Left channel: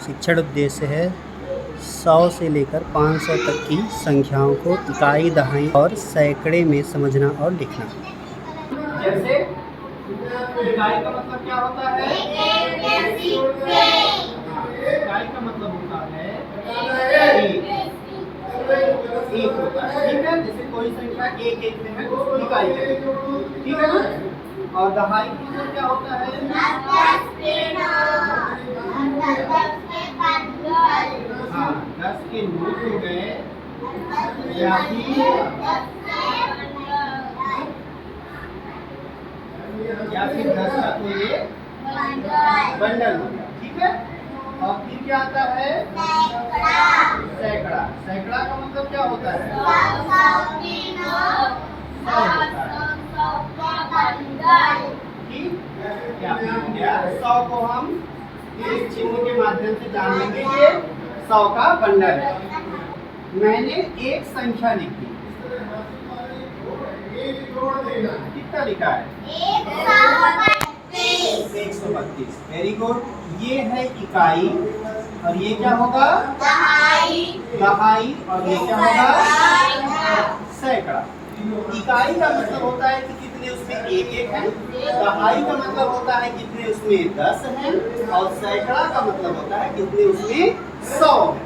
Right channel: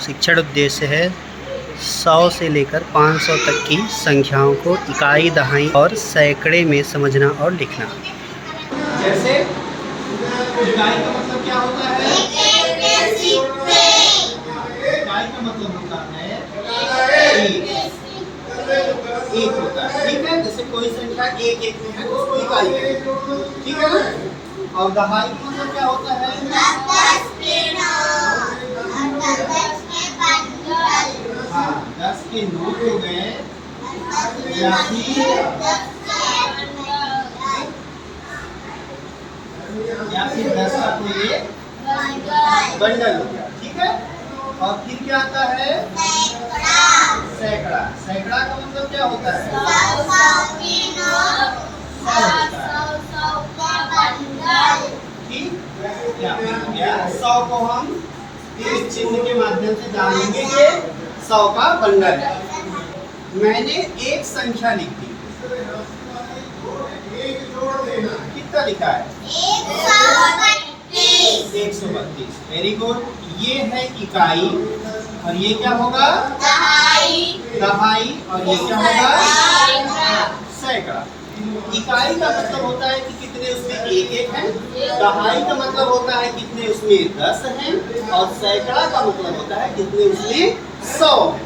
शिक्षण उद्देश्य है 100 से लेकर 500 तक की संख्याओं को इकाई, दहाई और सैकड़े में समझना और लिखना। जैसे इकाई का मतलब क्या होता है? इकाई का मतलब होता है एक होता है, ठीक है। जैसे कोई संख्या एक एक में है तो उसको इकाई कहते हैं, ठीक है ना। और दहाई का मतलब क्या होता है? 10 के नोट हो गए या फिर 10 का कोई बंडल हो गया, ठीक है। और फिर क्या आता है? सैकड़ा। सैकड़ा का मतलब क्या होता है? 100 को हम इस चिन्ह के माध्यम से जान लेंगे कि 100 का बंडल है। मैंने एक संख्या लिख दी, कितना लिखा है? 132। Very good. ये है इकाई और ये क्या होगा? दहाई। और ये क्या होगा? सैकड़ा। इकाई का मतलब होता है कि कितने उसमें एक एक हैं, दहाई का मतलब होता है कितने उसमें 10 हैं, और सैकड़ा का मतलब होता है कितने उसमें 100 हैं,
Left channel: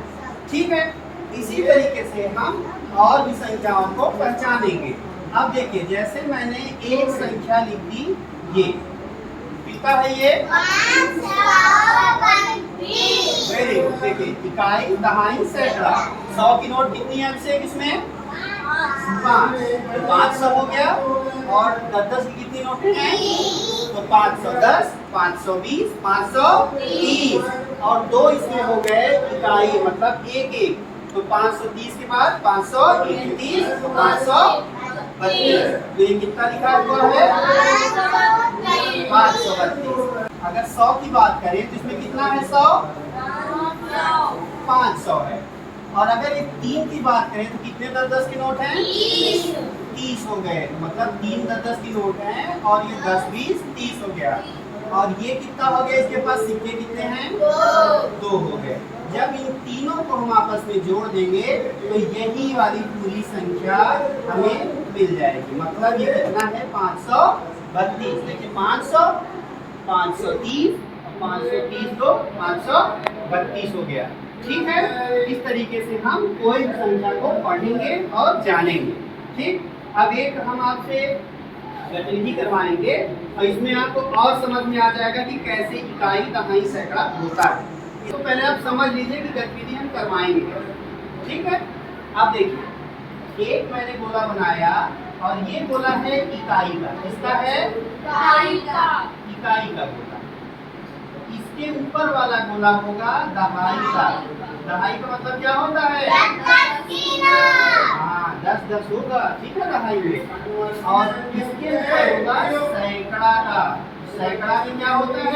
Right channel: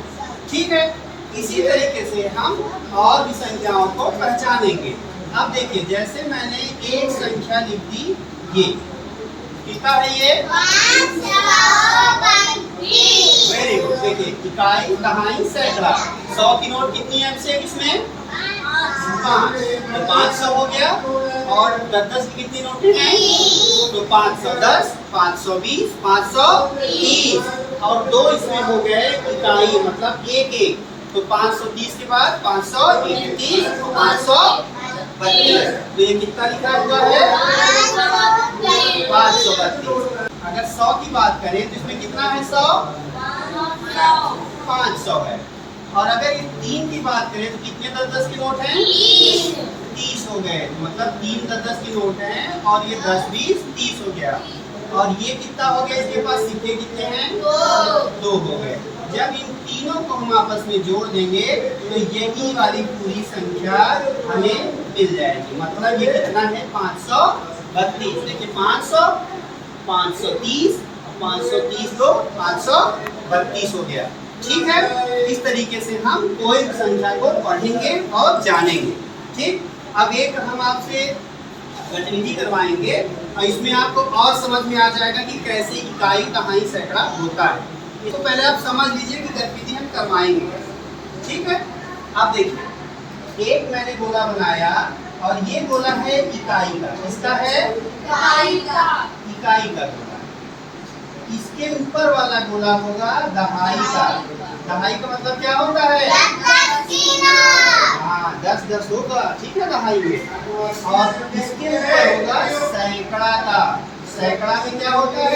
ठीक है। इसी तरीके से हम और भी संख्याओं को पहचानेंगे। अब देखिए, जैसे मैंने एक संख्या लिख दी, ये कितना है? ये 500। Very good. देखिए, इकाई, दहाई, सैकड़ा। 100 की नोट कितनी है हमसे इसमें? 5। तो 500 हो गया। और 10 की कितनी नोटें हैं? तो 510, 520, 530 और 2 इसमें हो गए इकाई, मतलब एक एक। तो 530 के बाद 531, 532। तो ये कितना लिखा हुआ है? 532। अगर 100 की बात करें तो इसमें कितना है? 100 500 है। और अगर इस 3 की बात करें तो कितने 10-10 के नोट हैं? 30 हो गए। तो मतलब 3 10-10 की नोट हैं और ये 10 20 30 हो गया। और ये कितना हो गया? इसके पास सिक्के कितने हैं? 2 हो गए। जब इन तीनों को हम आपस में जोड़ देंगे तो यही वाली पूरी संख्या हमें मिल जाएगी। मतलब ये कितना है? 532। देखिए, 500, 530, 530 को 532 हो गया, ठीक है। इस तरीके से हम कोई भी संख्या को पढ़ेंगे और जानेंगे, ठीक। अब एक हम आपसे गतिविधि करवाएंगे और इसमें आपको और समझ में आ जाएगा कि कैसे इकाई, दहाई, सैकड़ा होता है। इसको पहले आप समझ लीजिए कि गतिविधि हम करवाएंगे, ठीक है। अब देखिए, एक मैंने गोला बनाया और ये गोला है इकाई का। इसका है इकाई का गोला। इसके ऊपर वाला गोला होगा दहाई का। दहाई का मतलब क्या होता है? हाँ, 10-10 होगा, ठीक है, दहाई में। और इसके ऊपर होगा सैकड़ा का। सैकड़ा में क्या होता है?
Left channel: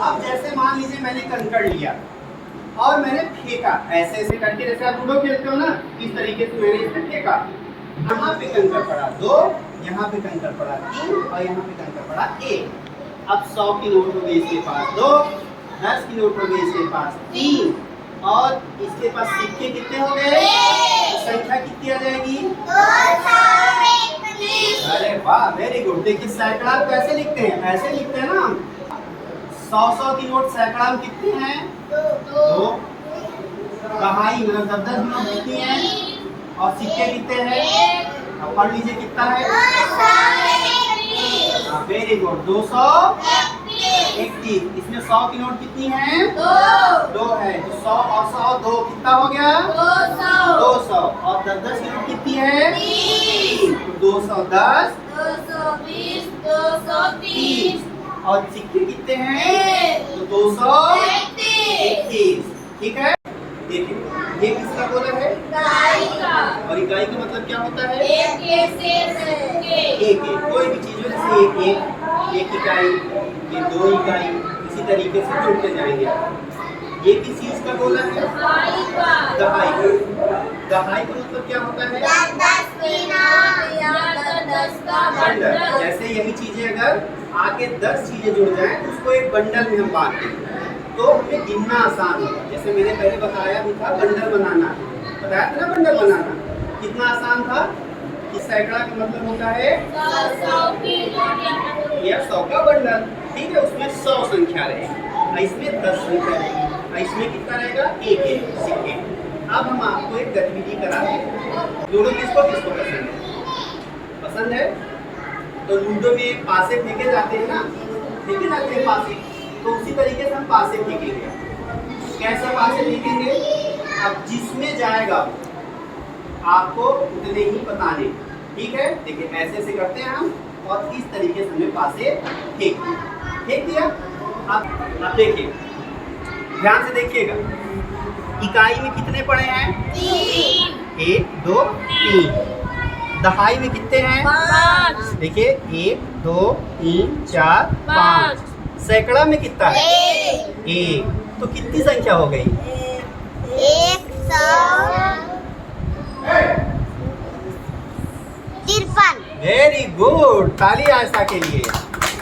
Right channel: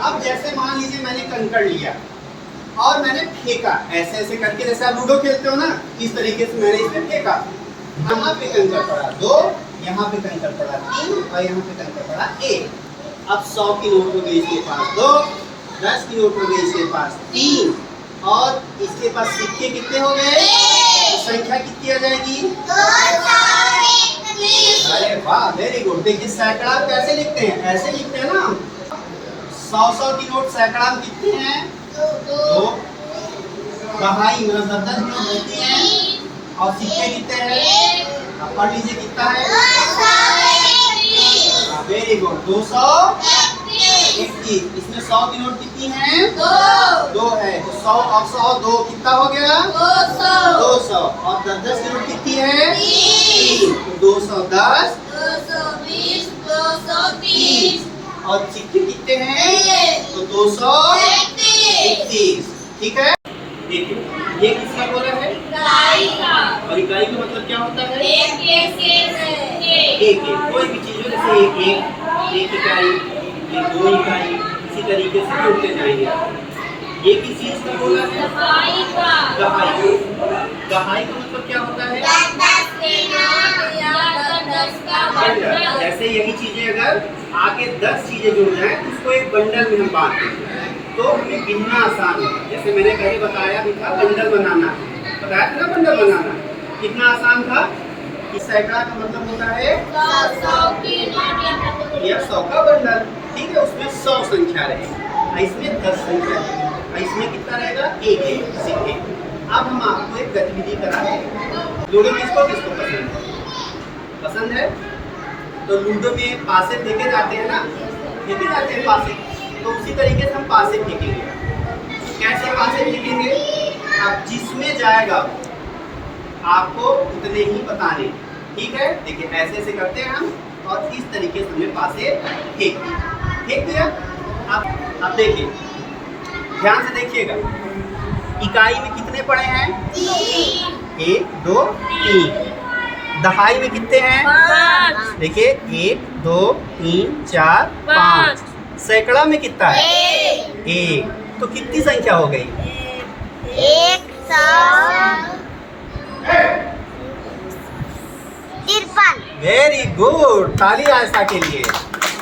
अब जैसे मान लीजिए मैंने कंकड़ लिया और मैंने फेंका, ऐसे ऐसे करके, जैसे आप लूडो खेलते हो ना, इस तरीके से मैंने इसमें फेंका। यहाँ पे कंकड़ पड़ा 2, यहाँ पे कंकड़ पड़ा 3 और यहाँ पे कंकड़ पड़ा 1। अब 100 की नोट हो गई इसके पास 2, 10 की नोट हो गई इसके पास 3 और इसके पास सिक्के कितने हो गए? संख्या कितनी आ जाएगी? 221। अरे वाह, वेरी गुड। देखिए, सैकड़ा कैसे लिखते हैं? ऐसे लिखते हैं ना। 100 की नोट सैकड़ा में कितने हैं? 2। दहाई मतलब 10-10 की नोट कितनी है? और सिक्के कितने हैं? अब पढ़ लीजिए कितना है? Very good, 231। इसमें 100 की नोट कितनी है? 2 है। तो 100 और 100 2 कितना हो गया? 200। और 10-10 की नोट कितनी है? 3। तो 210, 220, 230 और सिक्के कितने हैं? तो 231, ठीक है। देखिए, ये किसका गोला है? और इकाई का मतलब क्या होता है? एक एक। कोई भी चीज हो, जैसे एक इकाई, ये 2 इकाई, इसी तरीके से जोड़ते जाएंगे। ये किस चीज का गोला है? दहाई का। दहाई का मतलब क्या होता है? 10 का बंडल। बंडल। जैसे यही चीजें अगर आके 10 चीजें जुड़ जाए तो उसको एक बंडल में हम बांटते हैं, तो हमें गिनना आसान होगा। जैसे मैंने पहले बताया भी था बंडल बनाना, बताया था ना बंडल बनाना कितना आसान था। कि सैकड़ा का मतलब होता है 100 की नोट या 100 का बंडल, ठीक है। उसमें 100 संख्या रहेगी, इसमें 10 संख्या रहेगी, इसमें कितना रहेगा, एक सिक्के। अब हम आपको एक गतिविधि कराते हैं। लूडो किसको किसको पसंद है? पसंद है तो लूडो में पासे फेंके जाते हैं ना, फेंके जाते हैं पासे, तो उसी तरीके से हम पासे फेंकेंगे। कैसे पासे फेंकेंगे? अब जिसमें जाएगा आपको उतने ही बताने, ठीक है। देखिए ऐसे से करते हैं हम, और इस तरीके से हमने पासे फेंक दिया। अब देखिए, ध्यान से देखिएगा, इकाई में कितने पड़े हैं? 1 2 3। दहाई में कितने हैं? 5। देखिए 1 2 3 4 5। सैकड़ा में कितना है? 1। तो कितनी संख्या हो गई? 153। वेरी गुड, ताली आयशा के लिए,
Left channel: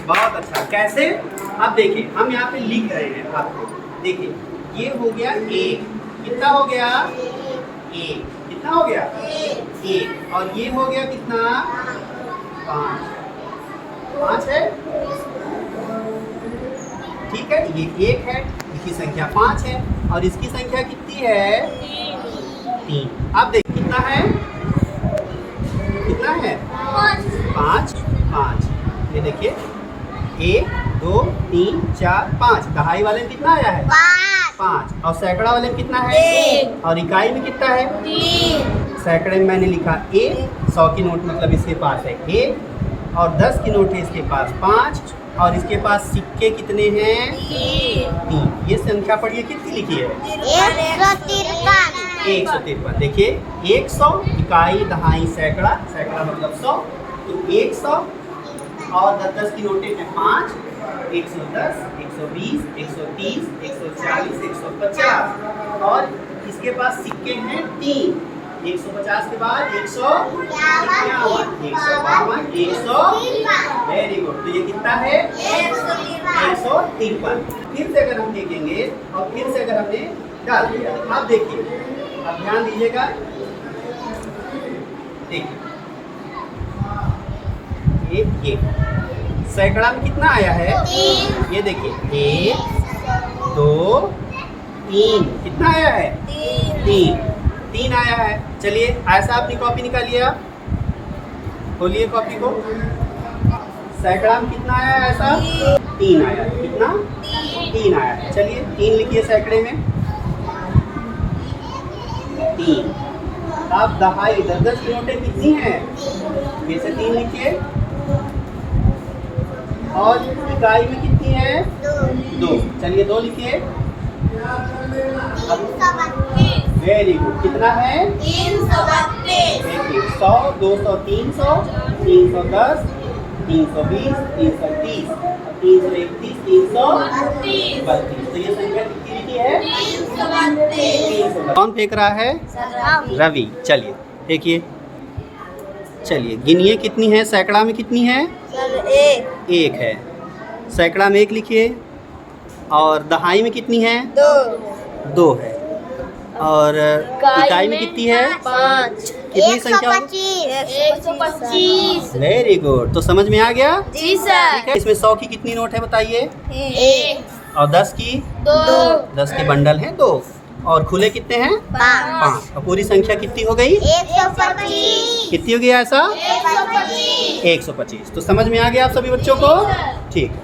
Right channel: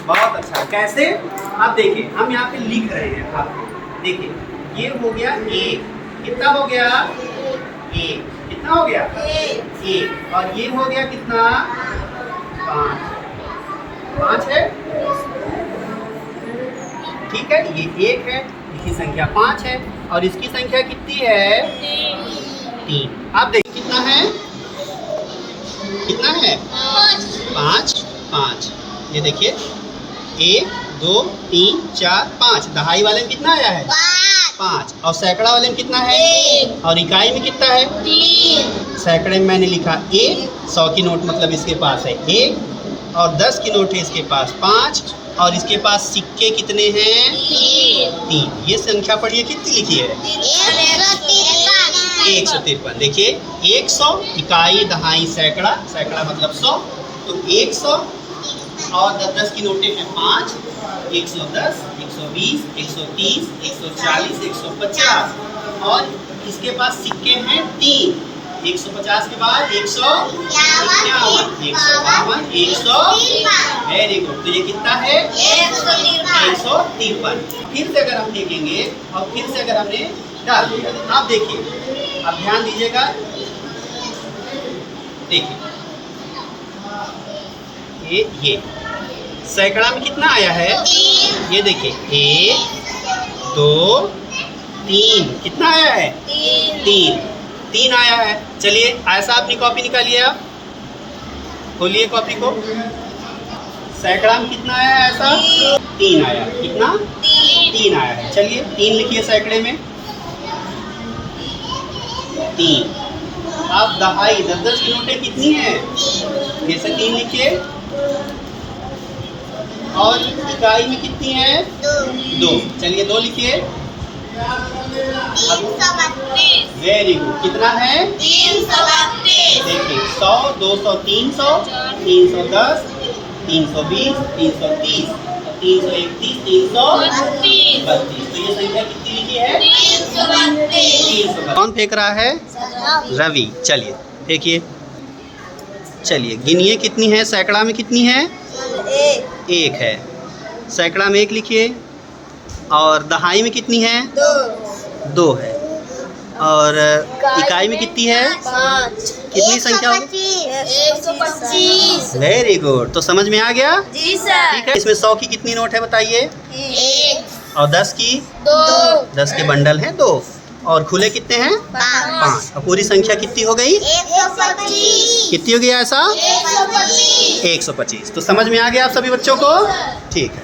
बहुत अच्छा। कैसे? अब देखिए हम यहाँ पे लिख रहे हैं आपको, देखिए ये हो गया 1, कितना हो गया? 1, कितना हो गया? 1, और ये हो गया कितना? 5 है, ठीक है। ये 1 है, इसकी संख्या 5 है, और इसकी संख्या कितनी है? 3। अब देखिए कितना है, कितना है? 5। ये देखिए 1 2 3 4 5। दहाई वाले में कितना आया है? 5। और सैकड़ा वाले में कितना है? 1। और इकाई में कितना है? 3। सैकड़े में मैंने लिखा 1, 100 की नोट मतलब इसके पास है 1, और 10 की नोट है इसके पास 5, और इसके पास सिक्के कितने हैं? 3। ये संख्या पढ़िए कितनी लिखी है? 153। देखिए 100 इकाई दहाई सैकड़ा, सैकड़ा मतलब 100, तो 100 और 10 की नोटें हैं 5, 110 120 130 140 150, और इसके पास सिक्के हैं 3। 150 के बाद 151 152 100। वेरी गुड, तो ये कितना है? 153। फिर से अगर हम देखेंगे और फिर से अगर हमने डाल दिया, आप देखिए, अब ध्यान दीजिएगा, देखिए ये सैकड़ा में कितना आया है? ये देखिए 1 2 3, कितना आया है? 3 आया है। चलिए ऐसा अपनी कॉपी निकालिए, आप खोलिए कॉपी को। सैकड़ा में कितना आया है? ऐसा 3 आया है। कितना? 3 आया है। चलिए 3 लिखिए सैकड़े में, 3। अब दहाई 10 की नोटें कितनी हैं? फिर से 3 लिखिए, और इकाई में कितनी है? 2। चलिए 2 लिखिए। वेरी गुड, कितना है? 332। देखिए 100 200 300 310 320 330 331 332। तो ये संख्या कितनी लिखी है? 332। कौन फेंक रहा है? रवि। चलिए देखिए, चलिए गिनिए कितनी है? सैकड़ा में कितनी है? 1 है। सैकड़ा में 1 लिखिए, और दहाई में कितनी है? 2 है, और इकाई में कितनी है? 5। कितनी संख्या? 125। वेरी गुड, तो समझ में आ गया? जी सर। ठीक है। इसमें 100 की कितनी नोट है बताइए? 1 और 10 की? 2 10 के बंडल हैं 2, और खुले कितने हैं? 5। और पूरी संख्या कितनी हो गई? 125। कितनी हो गई ऐसा? 125। 125। तो समझ में आ गया आप सभी बच्चों को? ठीक है।